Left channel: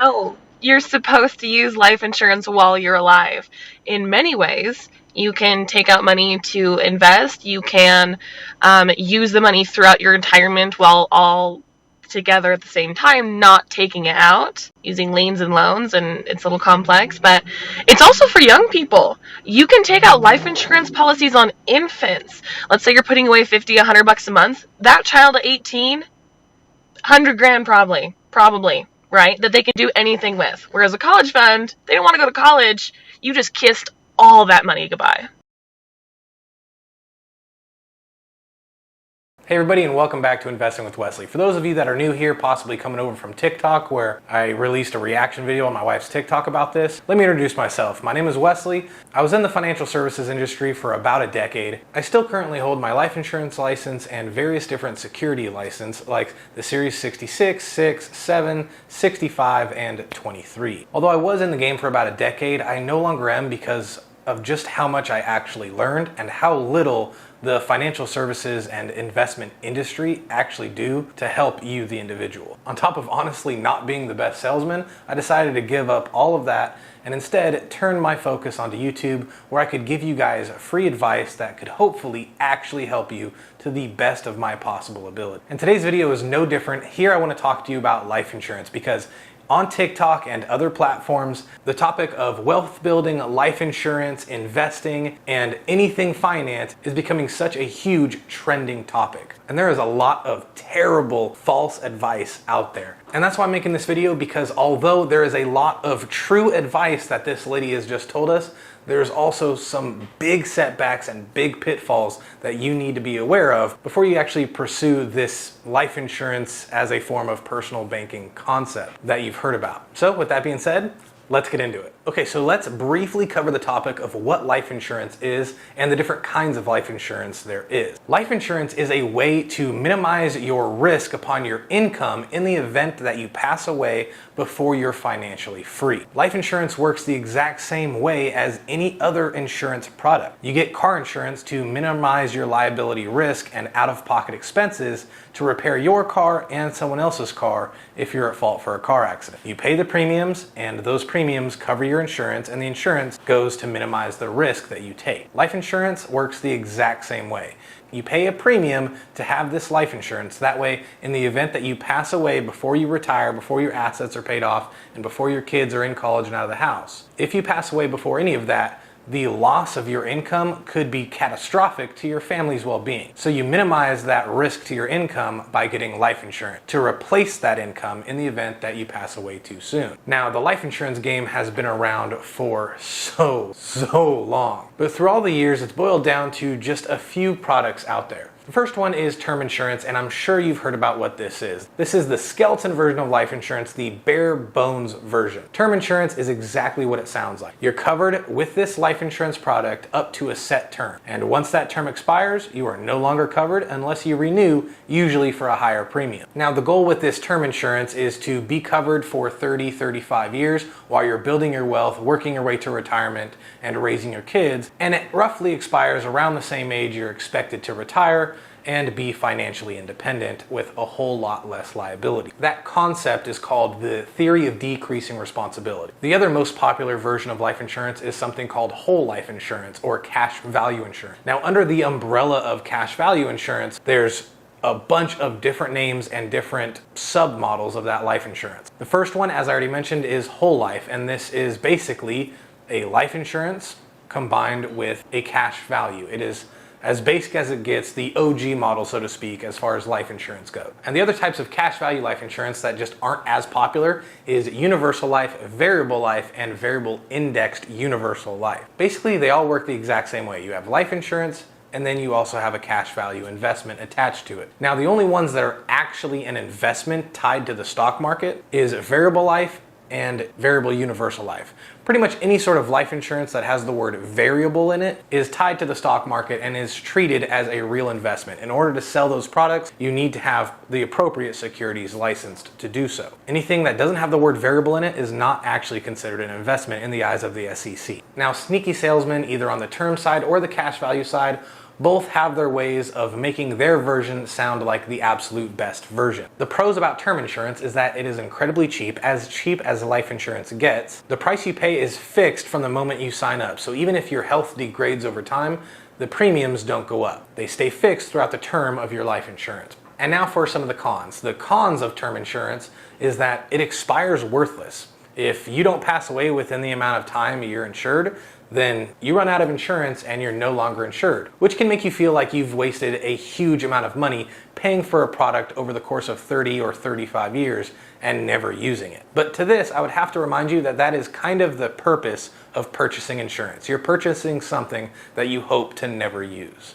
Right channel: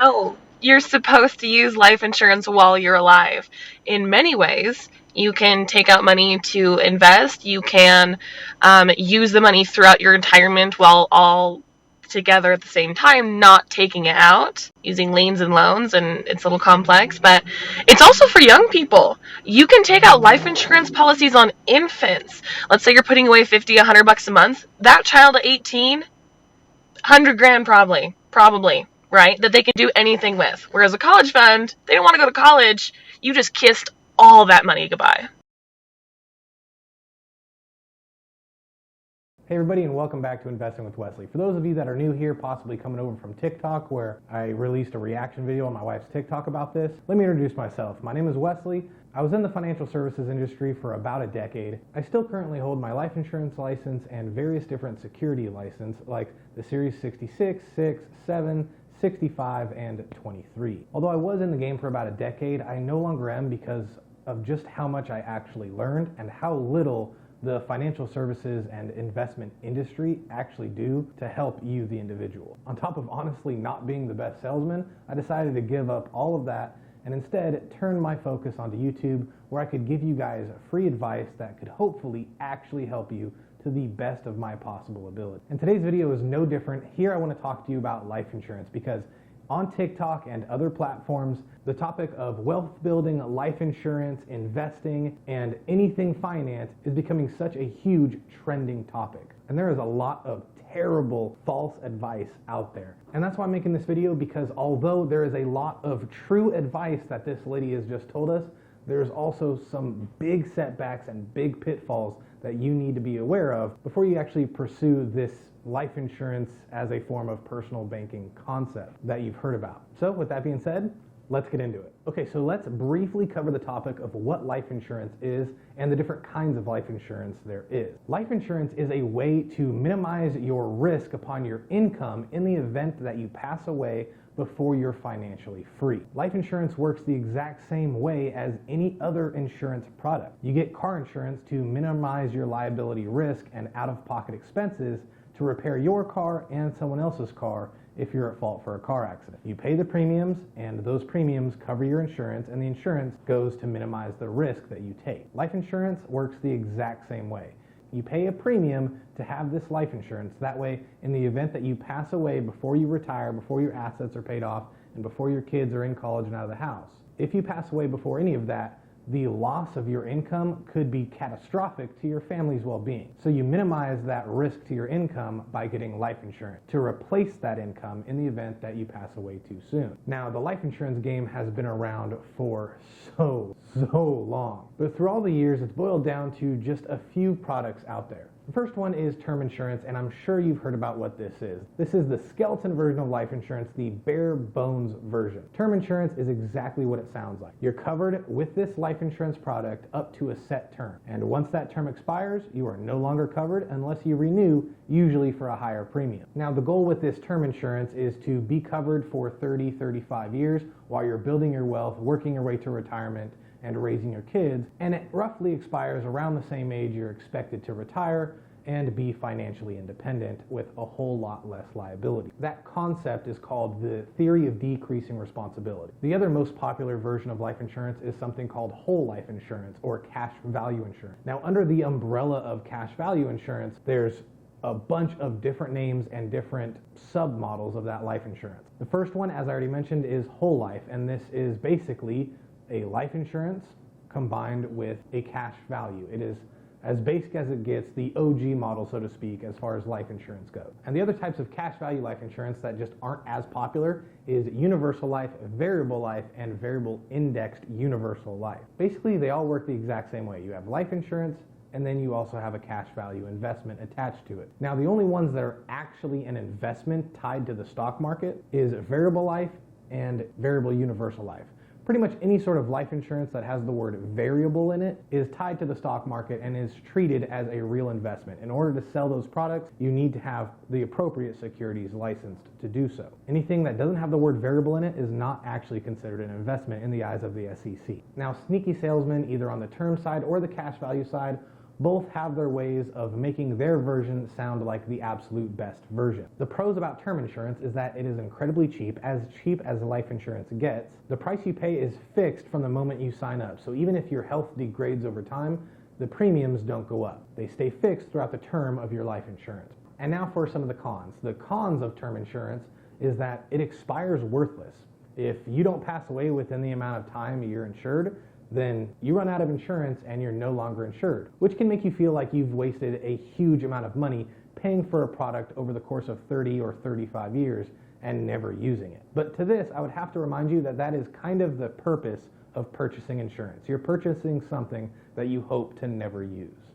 No, you're supposed to use life insurance while you're alive. In many ways, you can take out money to invest. You can use the money throughout your retirement while all together at the same time, not taking it out, using liens and loans, and it's a little complex, but it's also for young people. You can take out life insurance policies on infants. Let's say you're putting away 50, $100 a month. That child at 18, 100 grand probably, right? That they can do anything with. Whereas a college fund, they don't want to go to college. You just kissed all that money goodbye. Hey everybody, and welcome back to Investing with Wesley. For those of you that are new here, possibly coming over from TikTok, where I released a reaction video on my wife's TikTok about this, let me introduce myself. My name is Wesley. I was in the financial services industry for about a decade. I still currently hold my life insurance license and various different security license, like the Series 66, 6, 7, 65, and 23. Although I was in the game for about a decade, I no longer am because of just how much I actually learned and how little the financial services and investment industry actually do to help you, the individual. On top of honestly not being the best salesman, I decided to give up all of that and instead turn my focus onto YouTube, where I could give you guys free advice that could hopefully actually help you to the best of my possible ability. And today's video is no different. Here I want to talk to you about life insurance because on TikTok and other platforms, the topic of wealth building, life insurance, investing, and anything finance is becoming such a huge trending topic. And there is a lot of terrible false advice out there. And that's why I'm making this video, because although there is a lot of true advice that this lady has just told us, there's also some big setbacks and big pitfalls that you need to be aware of before you actually pursue this life insurance as a form of personal banking concept that you've heard about. So with that being said, let's get into it. Okay, so let's briefly cover the topic of what life insurance is and the different kinds of life insurance there is. Life insurance is a way to minimize your risk upon your income in the event that you pass away before you're financially free. Life insurance works the exact same way as any other insurance product. You get car insurance to minimize your liability risk and out-of-pocket expenses to repair your car and someone else's car if you're at fault for a car accident. You pay the premiums, and those premiums cover your insurance, and the insurance goes to minimize the risk that you take. Life insurance works the exact same way. You pay a premium to have this life insurance. That way, in the event that you pass away before you retire, before your assets are paid off, and before your kids are in college and out of the house, if you pass away before any of that, the loss of your income could be catastrophic to your family's well-being. So you minimize that risk to your income by getting life insurance to replace that income in the event that you pass away too soon. Now, the life insurance game has been around for so long, but through all the years, it's boiled down to just a few products out there. The first one is term insurance, and I'm sure you've heard about what this is. This is the skeleton version of life insurance, the bare bones version. Term insurance is exactly what it sounds like. You're covered with this life insurance product up to a set term. And once that term expires, you are no longer covered unless you renew, usually for a higher premium. Now, the goal with this term insurance is to be covered for 30, 35 years while you're building your wealth, working your way to retirement, and raising your kids. And it roughly expires around the same age you're expected to retire and be financially independent with a whole lot less liability. That concept is called the theory of decreasing responsibility. The other most popular version of life insurance is something called whole life insurance or cash value insurance. Now, under the umbrella of cash value insurance, there's a bunch of different names and different submodels of that life insurance. The first one, as I already mentioned, is whole life, and this is basically a life insurance combined with a cash value. It is as basic as it gets, the OG model, so to speak, as far as life insurance goes. And the other types of cash value life insurance that just aren't as popular is universal life, variable life, and variable indexed universal life. Basically, they all work the exact same way. You have life insurance, and then you also have a cash value investment attached to it. Now, the only ones that are actually an investment tied to the stock market is variable life and variable universal life. Pretty much any sort of life insurance that has the word variable in it is tied to the stock market and is treated as a real investment. In order to sell those products, you need to have the appropriate securities licensed to do so. Anything that doesn't have the word variable in it is not actually considered an investment in the eyes of the SEC. Now, sneaky salesmen, either on the term side or the cash value side, Both have their ways of making their version sound like the absolute best version. The pros about term insurance is that it is incredibly cheap as life insurance gets. The price you pay is fixed from the moment you sign up, so even if your health degrades over time, the premiums don't go up. They stay fixed throughout the term of your life insurance. And now for some of the cons. The cons of term insurance is that it expires worthless. If you don't pass away within the amount of time you're insured, then you run out of insurance and you're no longer insured, which can make you feel like you've wasted a huge amount of money paying for a product over the course of 30 or 35 years and never using it. But to this, I would have to remind you that that is kind of the purpose of purchasing insurance. You're purchasing something that you hope to never use.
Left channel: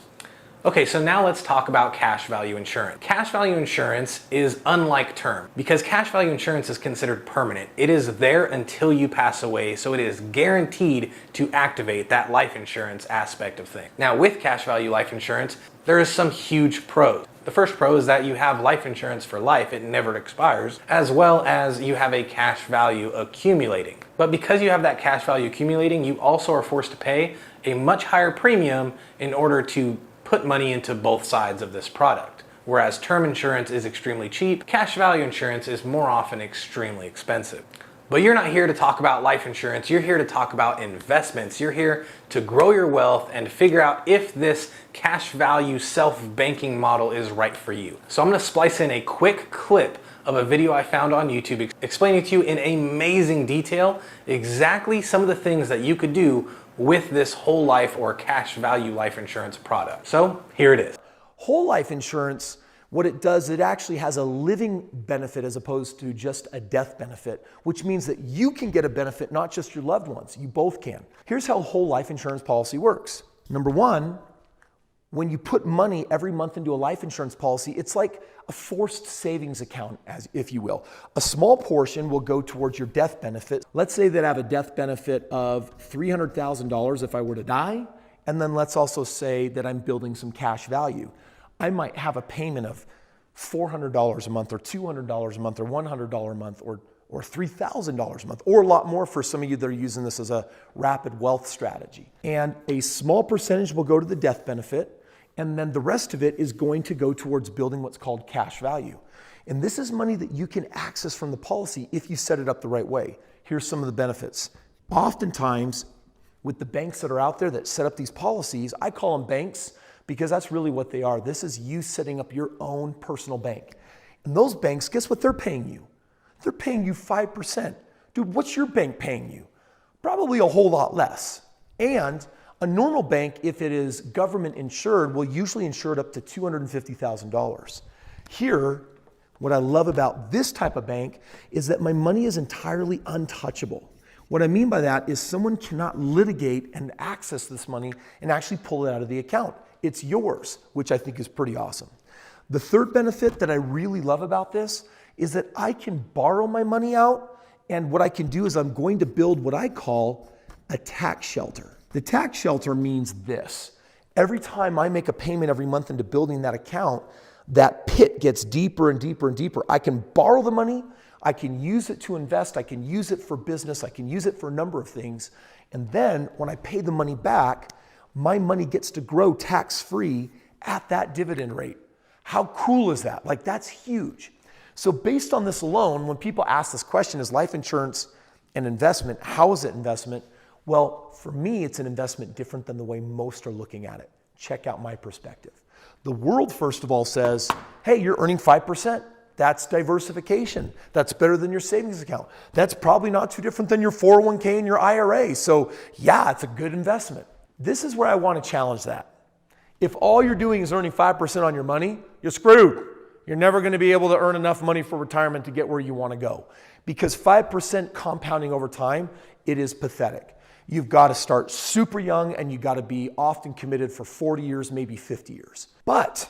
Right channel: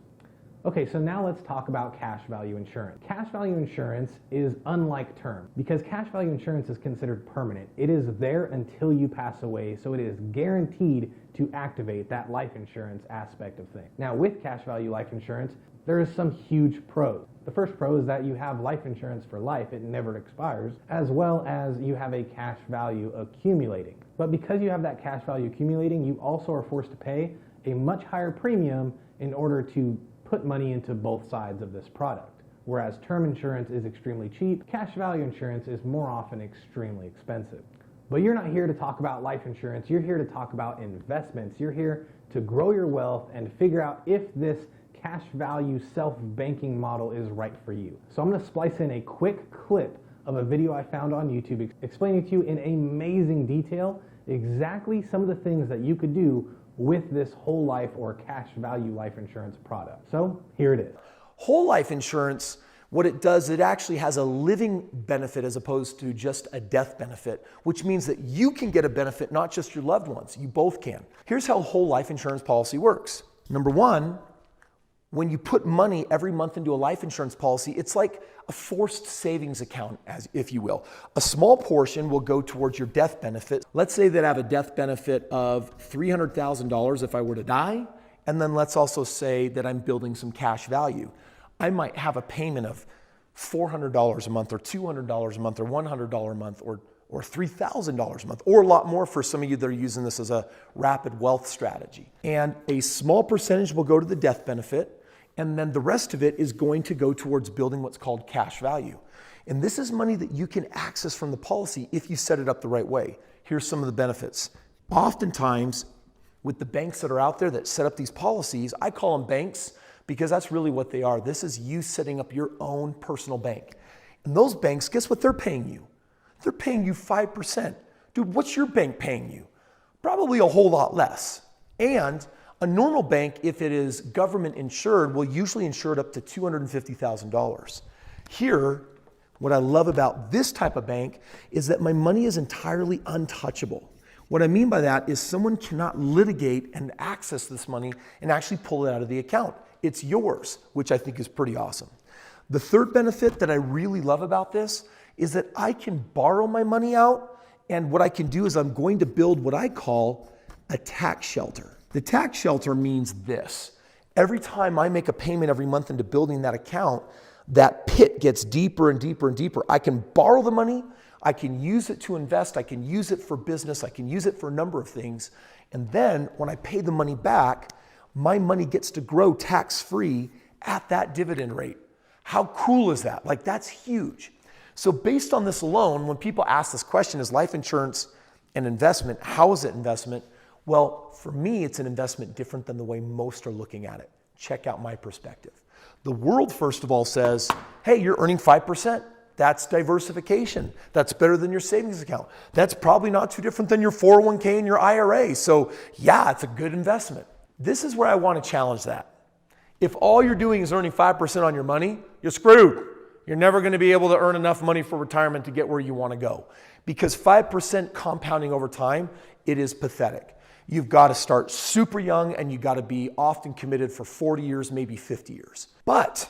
Okay, so now let's talk about cash value insurance. Cash value insurance is unlike term because cash value insurance is considered permanent. It is there until you pass away, so it is guaranteed to activate that life insurance aspect of things. Now, with cash value life insurance, there is some huge pros. The first pro is that you have life insurance for life, it never expires, as well as you have a cash value accumulating. But because you have that cash value accumulating, you also are forced to pay a much higher premium in order to put money into both sides of this product. Whereas term insurance is extremely cheap, cash value insurance is more often extremely expensive. But you're not here to talk about life insurance, you're here to talk about investments. You're here to grow your wealth and figure out if this cash value self-banking model is right for you. So I'm gonna splice in a quick clip of a video I found on YouTube explaining to you in amazing detail exactly some of the things that you could do with this whole life or cash value life insurance product. So here it is. Whole life insurance, what it does, it actually has a living benefit as opposed to just a death benefit, which means that you can get a benefit, not just your loved ones. You both can. Here's how whole life insurance policy works. Number one, when you put money every month into a life insurance policy, it's like a forced savings account, as if you will. A small portion will go towards your death benefit. Let's say that I have a death benefit of $300,000 if I were to die, and then let's also say that I'm building some cash value. I might have a payment of $400 a month or $200 a month or $100 a month or $3,000 a month, or a lot more for some of you that are using this as a rapid wealth strategy. And a small percentage will go to the death benefit, and then the rest of it is going to go towards building what's called cash value. And this is money that you can access from the policy if you set it up the right way. Here's some of the benefits. Oftentimes, with the banks that are out there that set up these policies, I call them banks because that's really what they are. This is you setting up your own personal bank. And those banks, guess what they're paying you? They're paying you 5%. Dude, what's your bank paying you? Probably a whole lot less. And a normal bank, if it is government insured, will usually insure it up to $250,000. Here, what I love about this type of bank is that my money is entirely untouchable. What I mean by that is someone cannot litigate and access this money and actually pull it out of the account. It's yours, which I think is pretty awesome. The third benefit that I really love about this is that I can borrow my money out, and what I can do is I'm going to build what I call a tax shelter. The tax shelter means this. Every time I make a payment every month into building that account, that pit gets deeper and deeper and deeper. I can borrow the money, I can use it to invest, I can use it for business, I can use it for a number of things. And then when I pay the money back, my money gets to grow tax-free at that dividend rate. How cool is that? Like, that's huge. So based on this alone, when people ask this question, is life insurance an investment? How is it investment? Well, for me, it's an investment different than the way most are looking at it. Check out my perspective. The world, first of all, says, hey, you're earning 5%. That's diversification. That's better than your savings account. That's probably not too different than your 401k and your IRA. So yeah, it's a good investment. This is where I want to challenge that. If all you're doing is earning 5% on your money, you're screwed. You're never going to be able to earn enough money for retirement to get where you want to go. Because 5% compounding over time, it is pathetic. You've got to start super young and you've got to be often committed for 40 years, maybe 50 years. But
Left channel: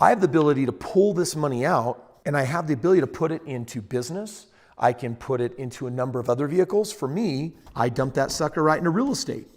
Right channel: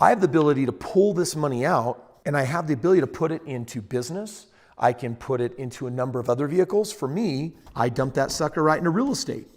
I have the ability to pull this money out, and I have the ability to put it into business. I can put it into a number of other vehicles. For me, I dump that sucker right into real estate.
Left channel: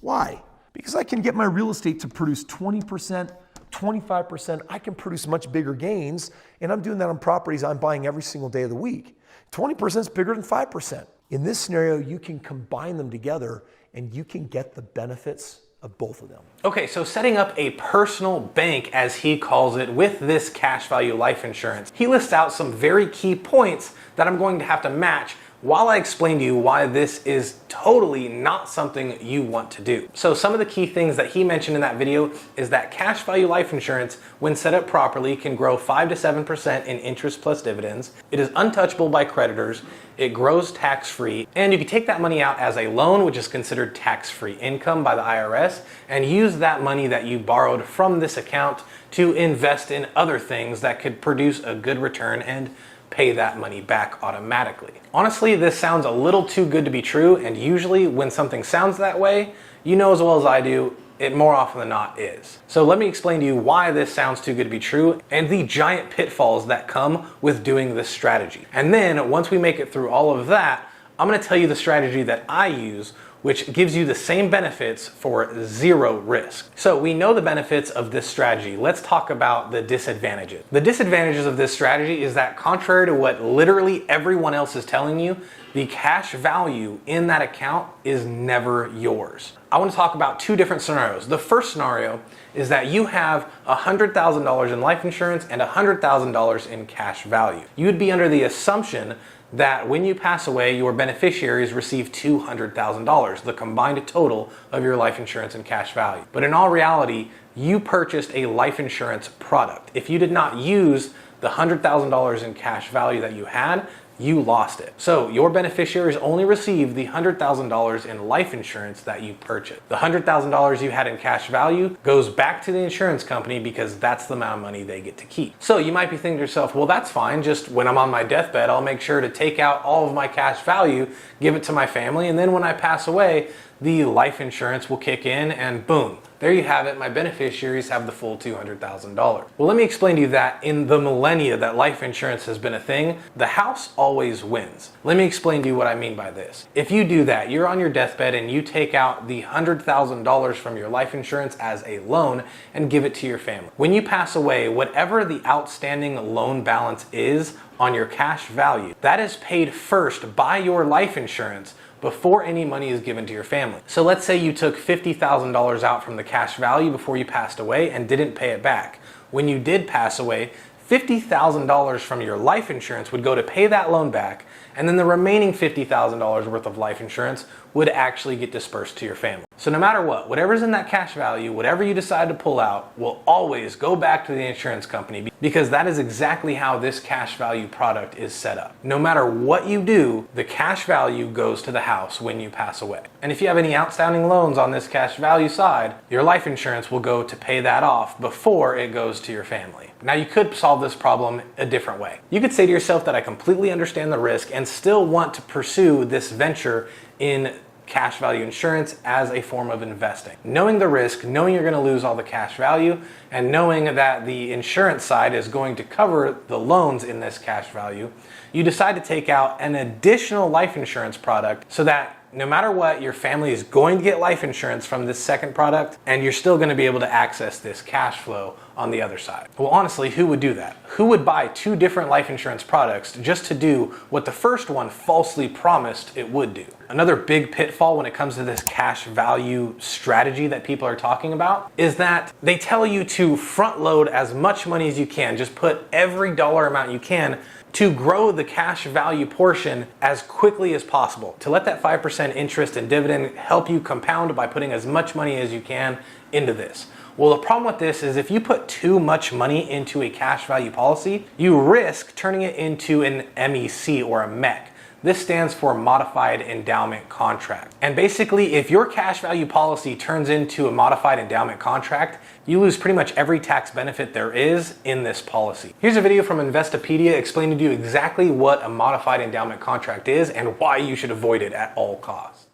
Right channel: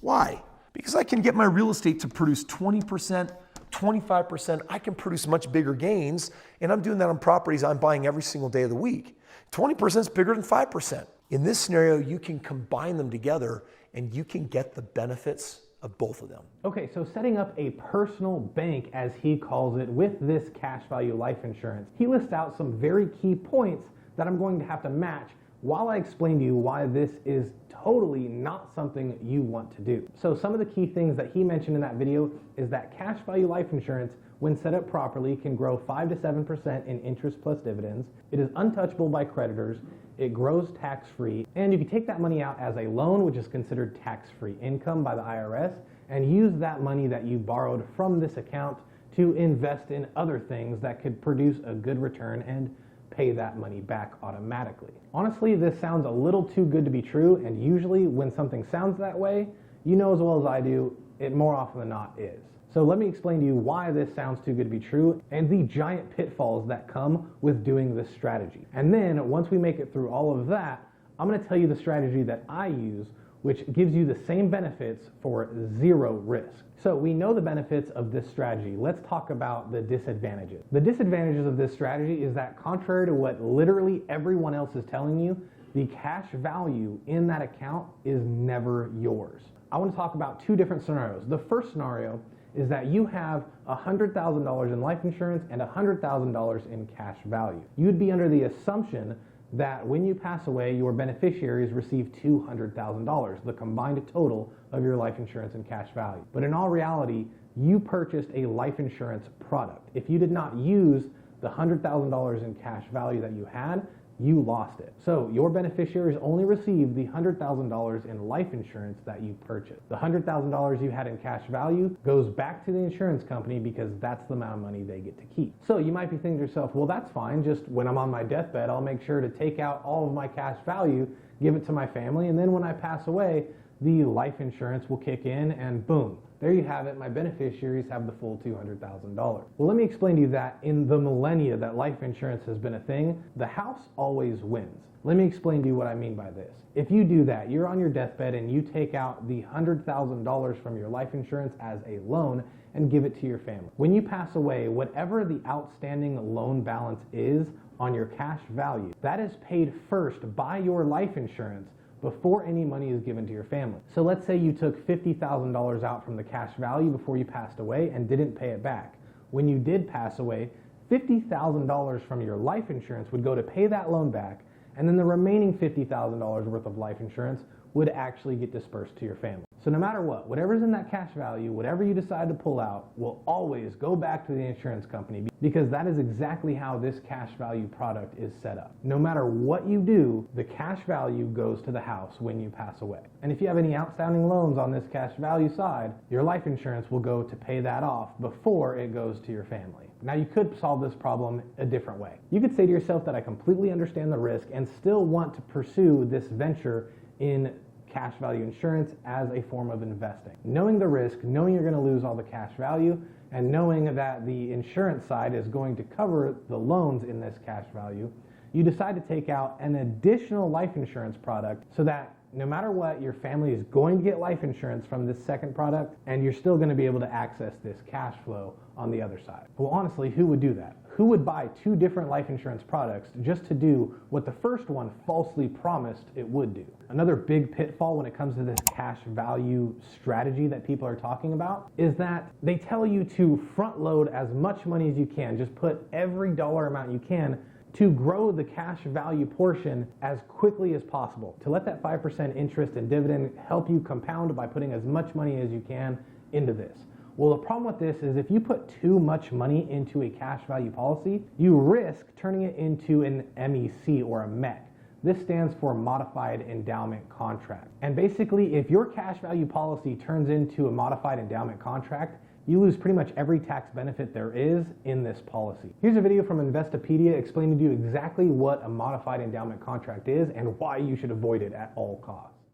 Why? Because I can get my real estate to produce 20%, 25%. I can produce much bigger gains, and I'm doing that on properties I'm buying every single day of the week. 20% is bigger than 5%. In this scenario, you can combine them together and you can get the benefits of both of them. Okay, so setting up a personal bank, as he calls it, with this cash value life insurance, he lists out some very key points that I'm going to have to match while I explain to you why this is totally not something you want to do. So some of the key things that he mentioned in that video is that cash value life insurance, when set up properly, can grow 5 to 7% in interest plus dividends. It is untouchable by creditors. It grows tax-free, and you can take that money out as a loan, which is considered tax-free income by the IRS, and use that money that you borrowed from this account to invest in other things that could produce a good return and pay that money back automatically. Honestly, this sounds a little too good to be true, and usually when something sounds that way, you know as well as I do, it more often than not is. So let me explain to you why this sounds too good to be true and the giant pitfalls that come with doing this strategy. And then once we make it through all of that, I'm gonna tell you the strategy that I use, which gives you the same benefits for zero risk. So we know the benefits of this strategy. Let's talk about the disadvantages. The disadvantages of this strategy is that contrary to what literally everyone else is telling you, the cash value in that account is never yours. I want to talk about two different scenarios. The first scenario is that you have $100,000 in life insurance and $100,000 in cash value. You would be under the assumption that when you pass away, your beneficiaries receive $200,000, the combined total of your life insurance and cash value. But in all reality, you purchased a life insurance product. If you did not use the $100,000 in cash value that you had, you lost it. So your beneficiaries only receive the $100,000 in life insurance that you purchased. The $100,000 you had in cash value goes back to the insurance company because that's the amount of money they get to keep. So you might be thinking to yourself, well, that's fine. Just when I'm on my deathbed, I'll make sure to take out all of my cash value, give it to my family, and then when I pass away, the life insurance will kick in and boom, there you have it. My beneficiaries have the full $200,000. Well, let me explain to you that in the millennia that life insurance has been a thing, the house always wins. Let me explain to you what I mean by this. If you do that, you're on your deathbed and you take out the $100,000 from your life insurance as a loan and give it to your family. When you pass away, whatever the outstanding loan balance is on your cash value, that is paid first by your life insurance before any money is given to your family. So let's say you took $50,000 out from the cash value before you passed away and didn't pay it back. When you did pass away, $50,000 from your life insurance would go to pay that loan back, and then the remaining $50,000 worth of life insurance would actually get dispersed to your family. So no matter what, whatever's in that cash value, whatever you decide to pull out, will always go back to the insurance company because that is exactly how this cash value product is set up. No matter what you do, the cash value goes to the house when you pass away. And if you have any outstanding loans on this cash value side, your life insurance will go to pay that off before it goes to your family. Now you could solve this problem a different way. You could say to yourself that I completely understand the risk and still want to pursue this venture in cash value insurance as a form of investing. Knowing the risk, knowing you're going to lose all the cash value, and knowing that the insurance side is going to cover the loans in this cash value, you decide to take out an additional life insurance product so that no matter what, your family is going to get life insurance from this second product, and you're still going to be able to access this cash flow on the other side. Well, honestly, who would do that? Who would buy two different life insurance products just to do what the first one falsely promised it would do? Another big pitfall when it comes to this cash value strategy that people are talking about is that they tell you to front load as much money as you can, just put every dollar amount you can to grow the cash value portion as quickly as possible, to let that 5% interest and dividend help you compound by putting as much money as you can into this. Well, the problem with this is if you put too much money into a cash value policy, you risk turning it into an MEC or a MEC. This stands for Modified Endowment Contract. And basically, if your cash value policy turns into a Modified Endowment Contract, you lose pretty much every tax benefit there is in this policy. Here's a video from Investopedia explaining to you exactly what a Modified Endowment Contract is and why you should avoid it at all costs.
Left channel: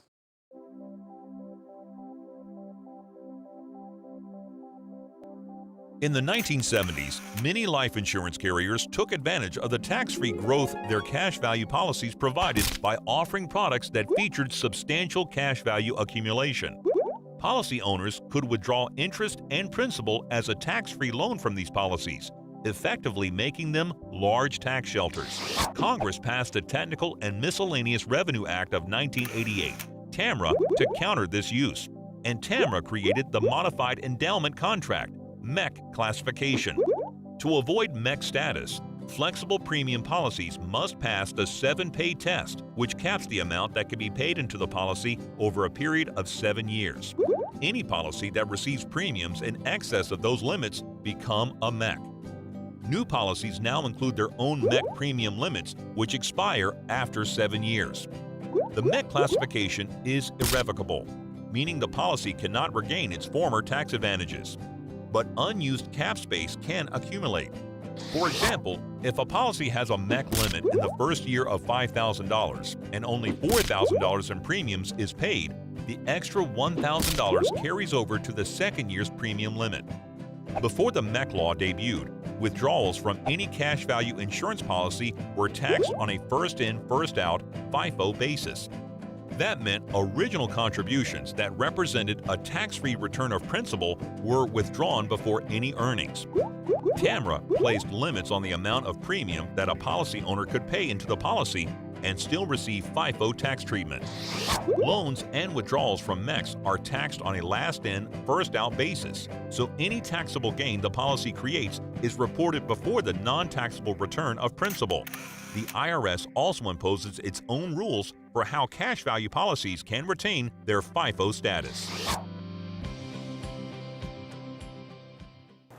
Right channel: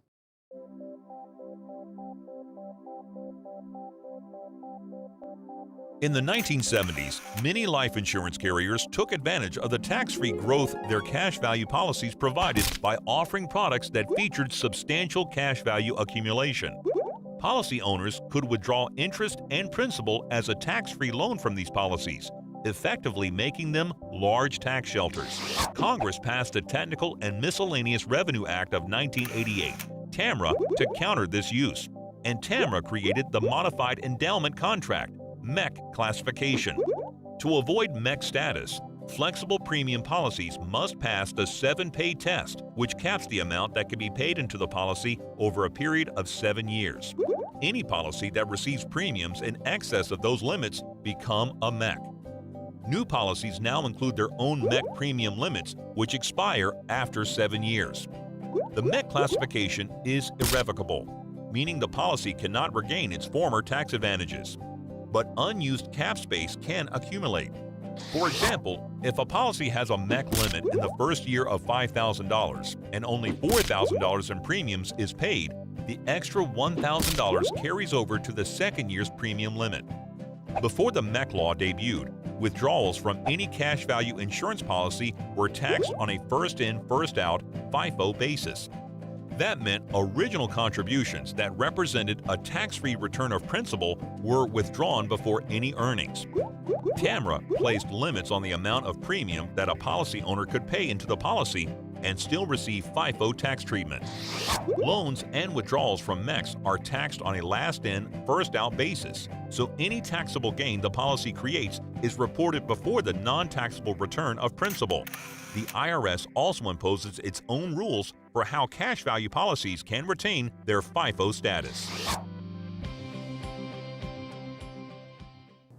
In the 1970s, many life insurance carriers took advantage of the tax-free growth their cash value policies provided by offering products that featured substantial cash value accumulation. Policy owners could withdraw interest and principal as a tax-free loan from these policies, effectively making them large tax shelters. Congress passed the Technical and Miscellaneous Revenue Act of 1988, TAMRA, to counter this use. and TAMRA created the Modified Endowment Contract, MEC classification. To avoid MEC status, flexible premium policies must pass the 7-pay test, which caps the amount that can be paid into the policy over a period of 7 years. Any policy that receives premiums in excess of those limits become a MEC. New policies now include their own MEC premium limits, which expire after 7 years. The MEC classification is irrevocable, meaning the policy cannot regain its former tax advantages. But unused cap space can accumulate. For example, if a policy has a MEC limit in the first year of $5,000 and only $4,000 in premiums is paid, the extra $1,000 carries over to the second year's premium limit. Before the MEC law debuted, withdrawals from any cash value insurance policy were taxed on a first-in, first-out FIFO basis. That meant original contributions that represented a tax-free return of principal were withdrawn before any earnings. TAMRA placed limits on the amount of premium that a policy owner could pay into the policy and still receive FIFO tax treatment. Loans and withdrawals from MECs are taxed on a last-in, first-out basis, so any taxable gain the policy creates is reported before the non-taxable return of principal. The IRS also imposes its own rules for how cash value policies can retain their FIFO status.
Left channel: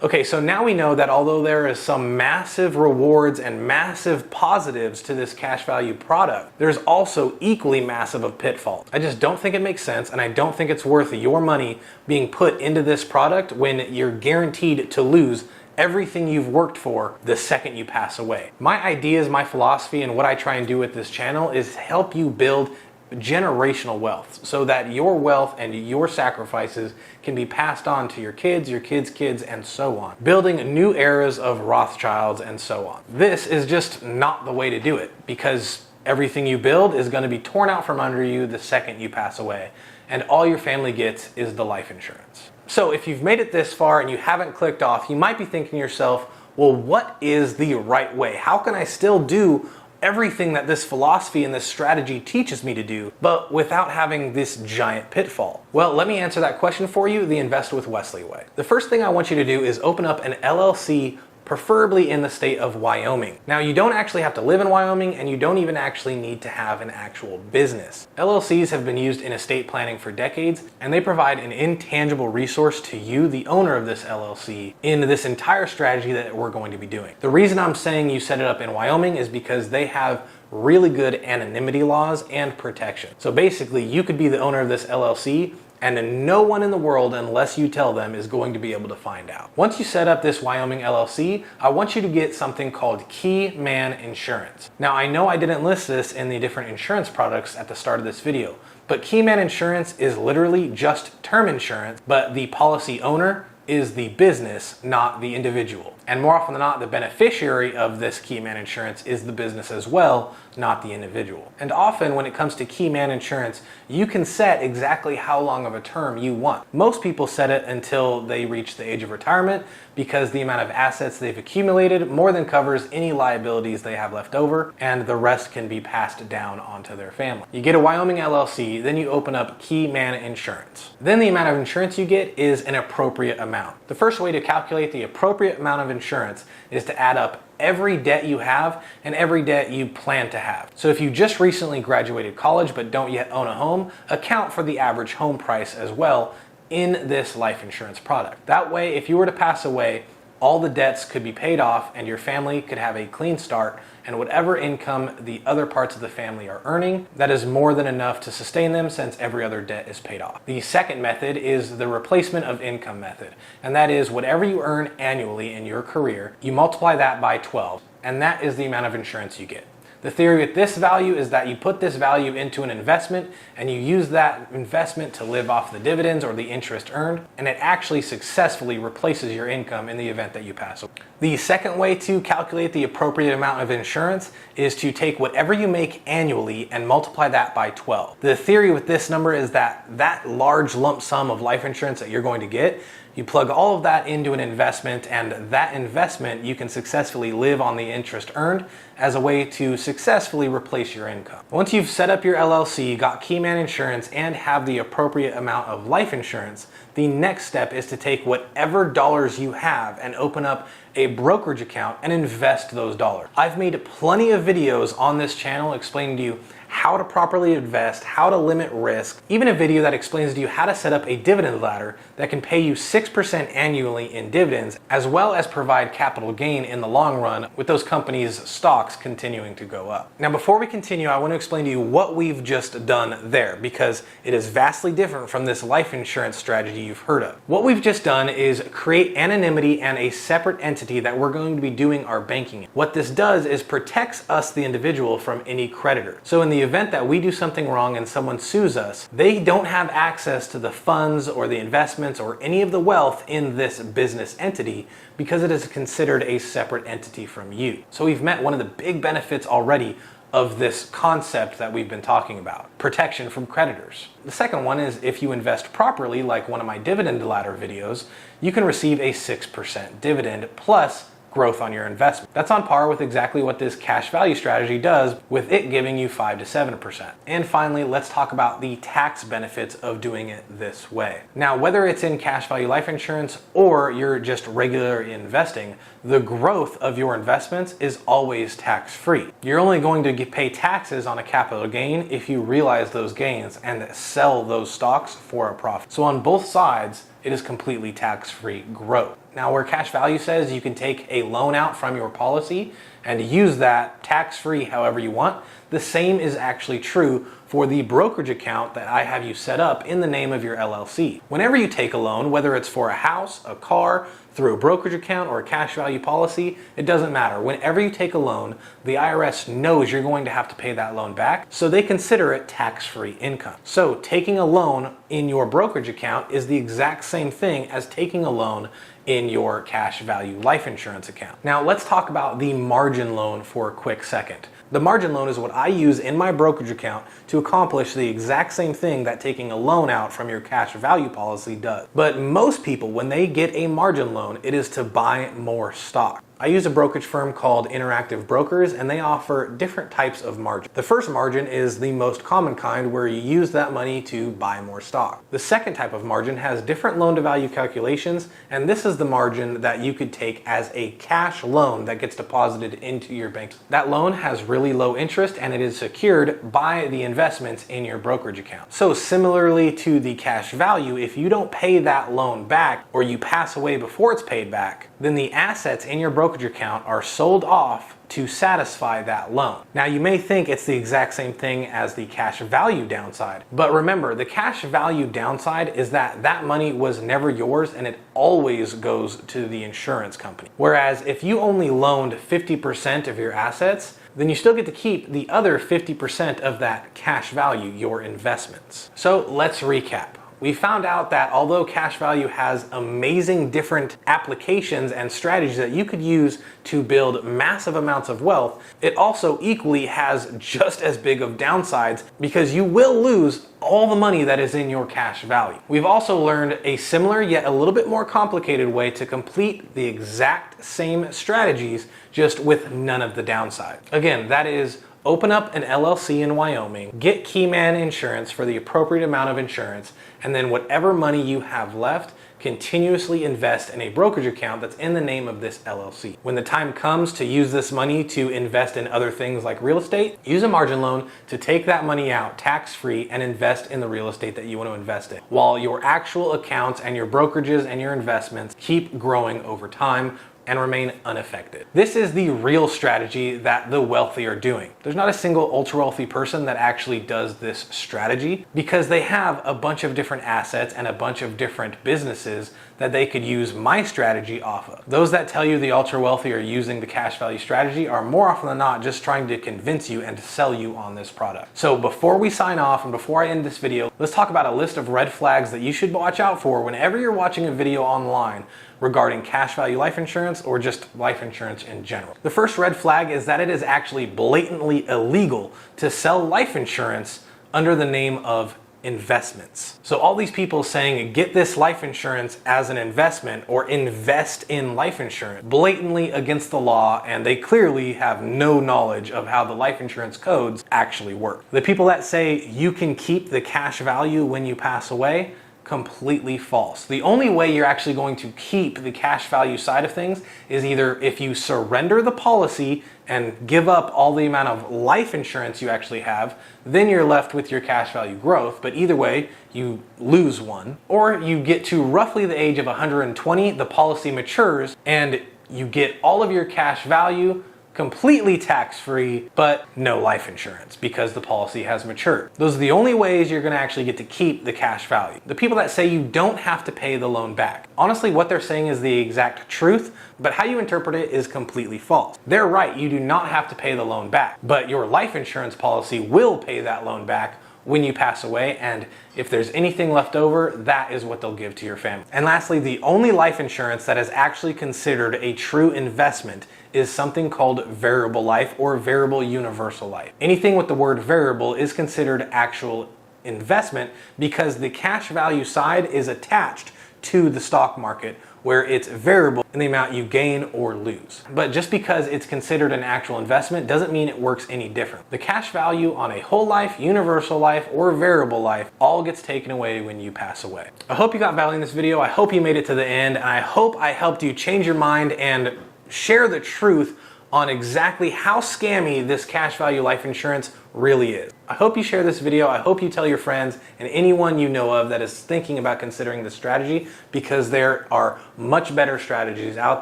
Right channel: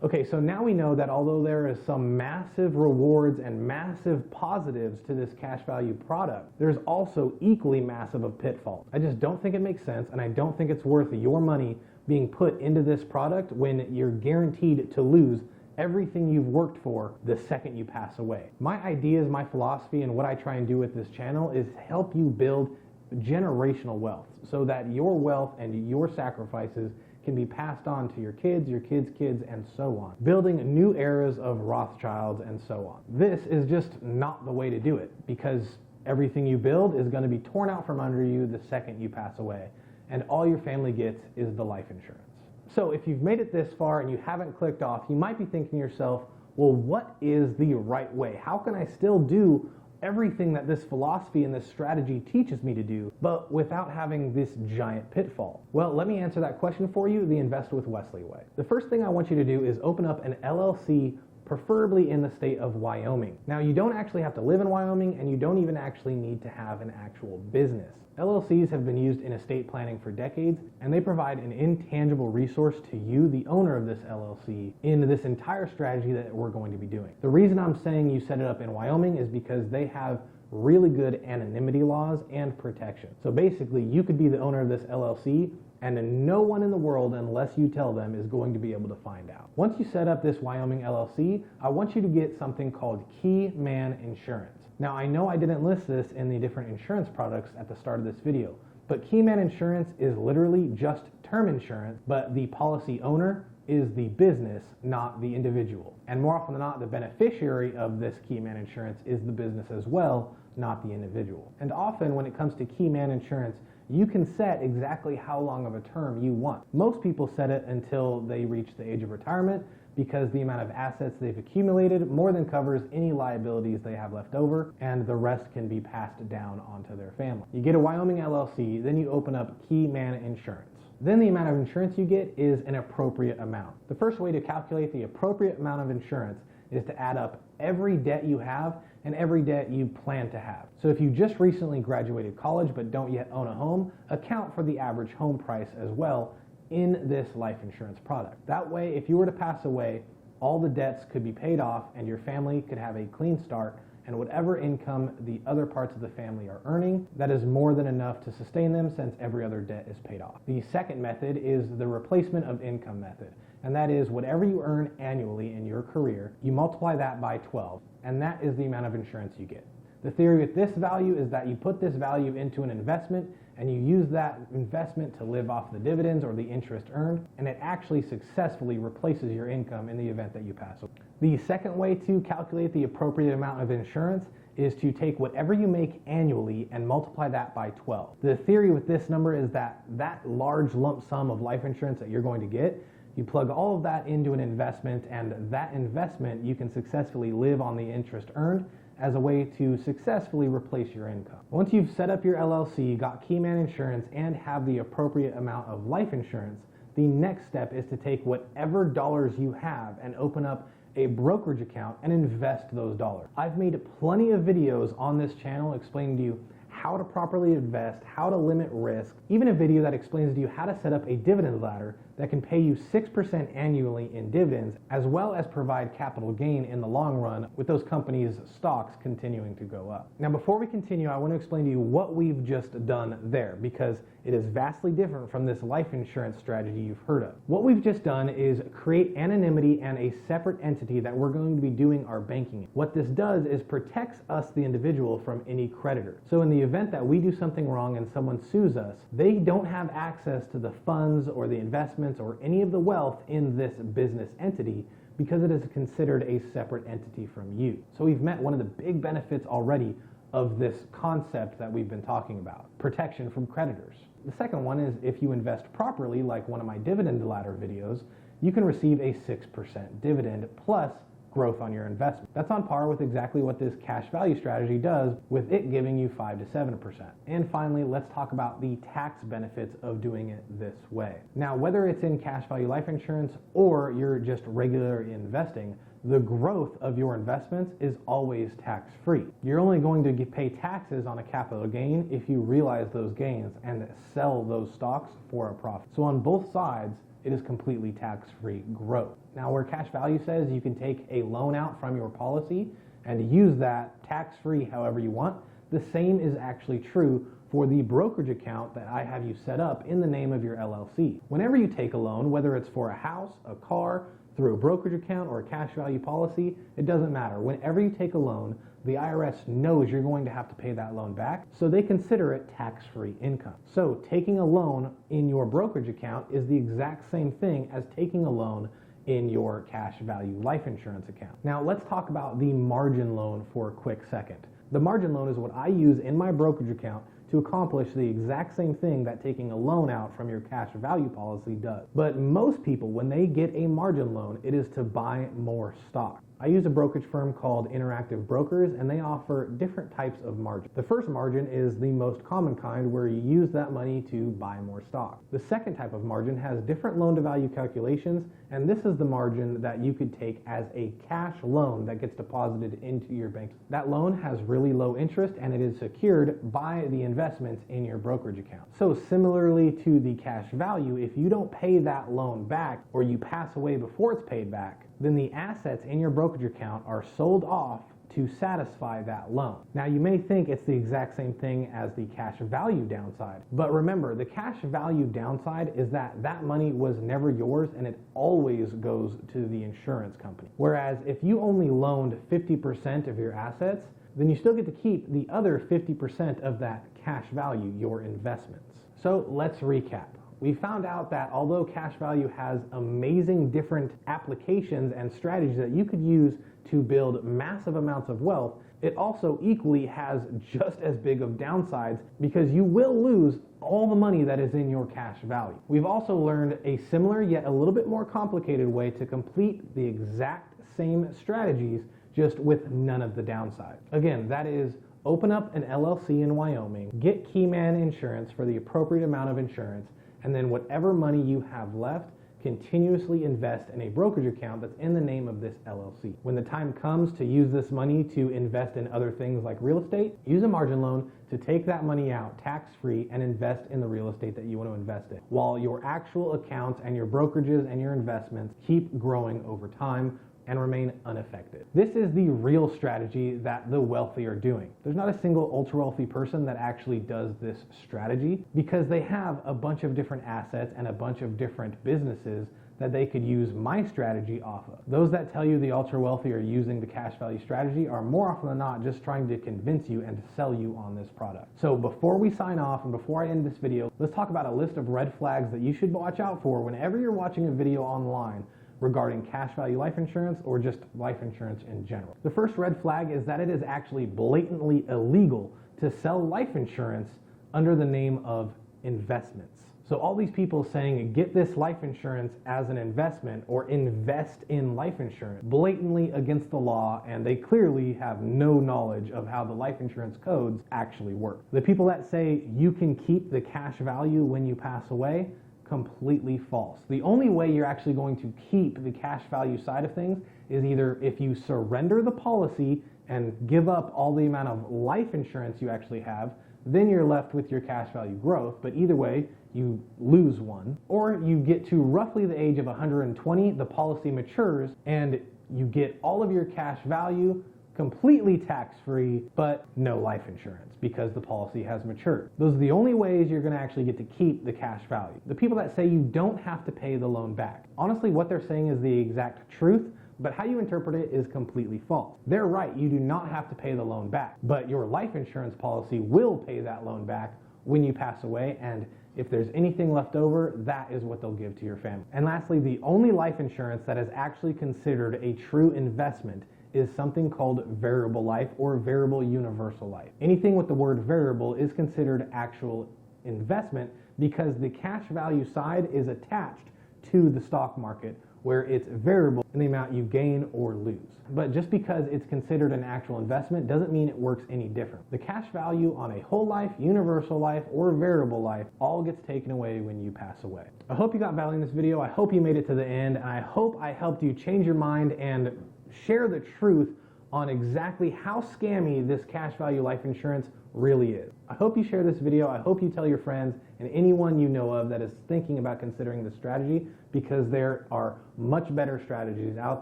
Okay, so now we know that although there is some massive rewards and massive positives to this cash value product, there's also equally massive of pitfalls. I just don't think it makes sense, and I don't think it's worth your money being put into this product when you're guaranteed to lose everything you've worked for the second you pass away. My ideas, my philosophy, and what I try and do with this channel is help you build generational wealth so that your wealth and your sacrifices can be passed on to your kids' kids, and so on. Building new eras of Rothschilds and so on. This is just not the way to do it, because everything you build is going to be torn out from under you the second you pass away, and all your family gets is the life insurance. So if you've made it this far and you haven't clicked off, you might be thinking to yourself, well, what is the right way? How can I still do everything that this philosophy and this strategy teaches me to do, but without having this giant pitfall? Well, let me answer that question for you the Invest with Wesley way. The first thing I want you to do is open up an LLC, preferably in the state of Wyoming. Now, you don't actually have to live in Wyoming, and you don't even actually need to have an actual business. LLCs have been used in estate planning for decades, and they provide an intangible resource to you, the owner of this LLC, in this entire strategy that we're going to be doing. The reason I'm saying you set it up in Wyoming is because they have really good anonymity laws and protection. So basically, you could be the owner of this LLC, and no one in the world, unless you tell them, is going to be able to find out. Once you set up this Wyoming LLC, I want you to get something called Key Man Insurance. Now, I know I didn't list this in the different insurance products at the start of this video, but Key Man Insurance is literally just term insurance, but the policy owner is the business, not the individual. And more often than not, the beneficiary of this Key Man Insurance is the business as well, not the individual. And often when it comes to Key Man Insurance, you can set exactly how long of a term you want. Most people set it until they reach the age of retirement, because the amount of assets they've accumulated more than covers any liabilities they have left over, and the rest can be passed down onto their family. You get a Wyoming LLC, then you open up Key Man Insurance. Then the amount of insurance you get is an appropriate amount. The first way to calculate the appropriate amount of insurance is to add up every debt you have and every debt you plan to have. So if you just recently graduated college but don't yet own a home, account for the average home price as well in this life insurance product. That way, if you were to pass away, all the debts could be paid off and your family could have a clean start, and whatever income the other parts of the family are earning, that is more than enough to sustain them since every other debt is paid off. The second method is the replacement of income method, and that is whatever you earn annually in your career, you multiply that by 12, and that is the amount of insurance you get. The theory with this value is that you put this value into an investment and you use that investment to live off the dividends or the interest earned, and it actually successfully replaces your income in the event that you pass away. The second way to calculate the appropriate amount of insurance is to take whatever you make annually and multiply that by 12. The theory with this number is that that large lump sum of life insurance that you're going to get, you plug all of that into an investment, and that investment you can successfully live on the interest earned as a way to successfully replace your income. Once you've set up your LLC, got Keyman Insurance, and have the appropriate amount of life insurance, the next step is to take whatever dollars you have and open up a brokerage account and invest those dollars. I've made plenty of videos on this channel explaining to you how to properly invest, how to limit risk, even a video that explains to you how to set up a dividend ladder that can pay you 6% annually in dividends, as well as provide capital gain in the long run with those companies' stocks continuing to go up. Now, before we continue, I want to explain to you what we've just done there, because it is vastly different from this life insurance strategy you've heard of. What we've just done is create anonymity and a separate entity that we're going to be doing our banking in. What this does is protects us, the individual, from any creditor. So in the event that we do something wrong and someone sues us, they don't have access to the funds or the investments or any of the wealth in this business entity, because it is considered a separate entity from you. So we've met one of the big benefits already of this concept that we've been talking about: protection from creditors. The second one is, if you invest properly, like one of my dividend ladder videos, you can receive a 6% dividend plus growth on your investment. That's on par with exactly what this cash value strategy does, with it giving you 5 to 7%. And finally, let's talk about the tax benefits of doing it this way. Now, whether it's in cash value life insurance or you're just regular investing, the growth of your investments is always tax-free. You're only going to pay taxes on a capital gain if you realize those gains and sell those stocks for a profit. So on both sides, it is completely tax-free growth. Now, where cash value says you can take a loan out from your policy and use that tax-free however you want, the same is actually true for the brokerage account that I have you set up in the name of your LLC. Whenever you take a loan, whether it's for a house, a car, through a brokerage account or a cash value policy, it doesn't matter. Whenever you take a loan, the IRS knows you're going to have to pay that loan back, so they consider it tax-free income. So taking a loan in your brokerage account is the exact same thing as taking a loan in your cash value life insurance account. Now, let's talk about the margin loan for a quick second. The margin loan is what I use in my brokerage account to accomplish the exact same thing that taking a loan out from your cash value policy does. But most people, when they get a margin loan, it is to buy more stock. I use a brokerage firm called Interactive Brokers, and they offer different types of margin. The first margin is the most common kind, where you use that money to buy more stock. The second type of margin has different loan to value calculations, and this is the margin that you could take as a cash loan that gets deposited into your bank. That loan has really low interest, and it is secured by the investments in your brokerage account. So similarly to the cash value, if you don't pay that loan back, or you pass away before it's paid back, then the assets in your brokerage account are sold off to satisfy that loan. Now, you may think it's the exact same thing as the cash value downside, but remember, the cash value downside is that that money was never yours and it always goes to the insurance company. Whereas if you only loaned 50% of your assets, then you still get to keep the other 50% of that cash value, your investments. So let's recap. We found out that although cash value has amazing different applications and strategies that you could use to build massive amounts of wealth, it also equally has just as big of downsides, because you will lose all the money that is in your cash value. We've also learned a similar yet a little bit more complicated way to complete the exact same strategies, just with none of the downside. Again, that is open up an LLC in Wyoming, get Keyman Insurance for the appropriate amount of insurance, and then whatever money you have left, continuously invest in a brokerage account that's in the name of this LLC. When the time comes to use this money to invest in other things like real estate, use a margin loan to take that money out tax-free and invest in the real estate that you want to invest in, while your actual accounts and your brokerages and your investments keep growing over time and remain unaffected. This is the real strategy that the wealthy are doing. There's not a single ultra wealthy person that actually does this strategy, because they have a bunch of different assets and a bunch of different businesses that they could use my strategy off of. Those that tell you the ultra wealthy are using the cash value strategy are more often than not just trying to convince you and to sell you on this product. So before we sign off and before I end this video, let's talk about a list of red flags that you should watch out for whenever you're watching a video online regarding cash value life insurance or just life insurance in general. The first red flag is that it is actually blatantly illegal to sell life insurance under the name of investments. So all these people saying get this life insurance as an investment or invest in life insurance, blatantly against the law, and they clearly have no knowledge of how the life insurance codes actually work. The people that say you can keep the cash value when you pass away, completely false. The only way you're actually going to keep the cash value side of things is either if you surrender the policy and give up all the amount of life insurance you actually have, then you're left with your cash value growth, but either way, you lose one. Or you get to roughly the age of 120, the policy matures, and you get all of your cash value completely tax-free, but no life insurance because the policy has matured. Those are the only ways you're gonna actually get to keep the cash value. The people that say you don't have to pay the loan back, honestly, what they're saying is the exact truth, but how you interpret it is completely false. They're right, you do not have to pay the loan back, but your life insurance policy will pay that loan back when you pass away, and if there's anything left over, that is what they'll give to your family. And lastly, the only life insurance that is actually considered a true investment is something called variable life or variable universal life. Anything with the word variable is considered actual investment because the cash value side is attached to the stock market where it's variable in the amount you gain or lose. But just because it's considered an actual investment doesn't mean it works any different. The cash value on a whole life, universal life, or variable life all gets taken away when you pass away. I hope you got value in this video. I hope you made it to the end, and I hope I helped you change your mind and share the truth on exactly how scammy this cash value life insurance really is. I hope you share this video. I hope you tell your friends and anyone you know of that is thinking about considering this strategy, because there are much better strategies out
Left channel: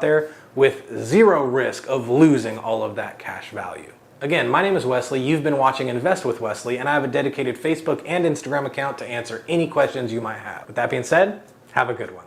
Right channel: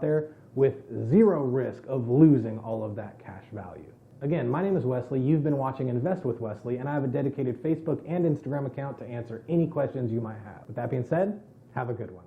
there with zero risk of losing all of that cash value. Again, my name is Wesley. You've been watching Invest with Wesley, and I have a dedicated Facebook and Instagram account to answer any questions you might have. With that being said, have a good one.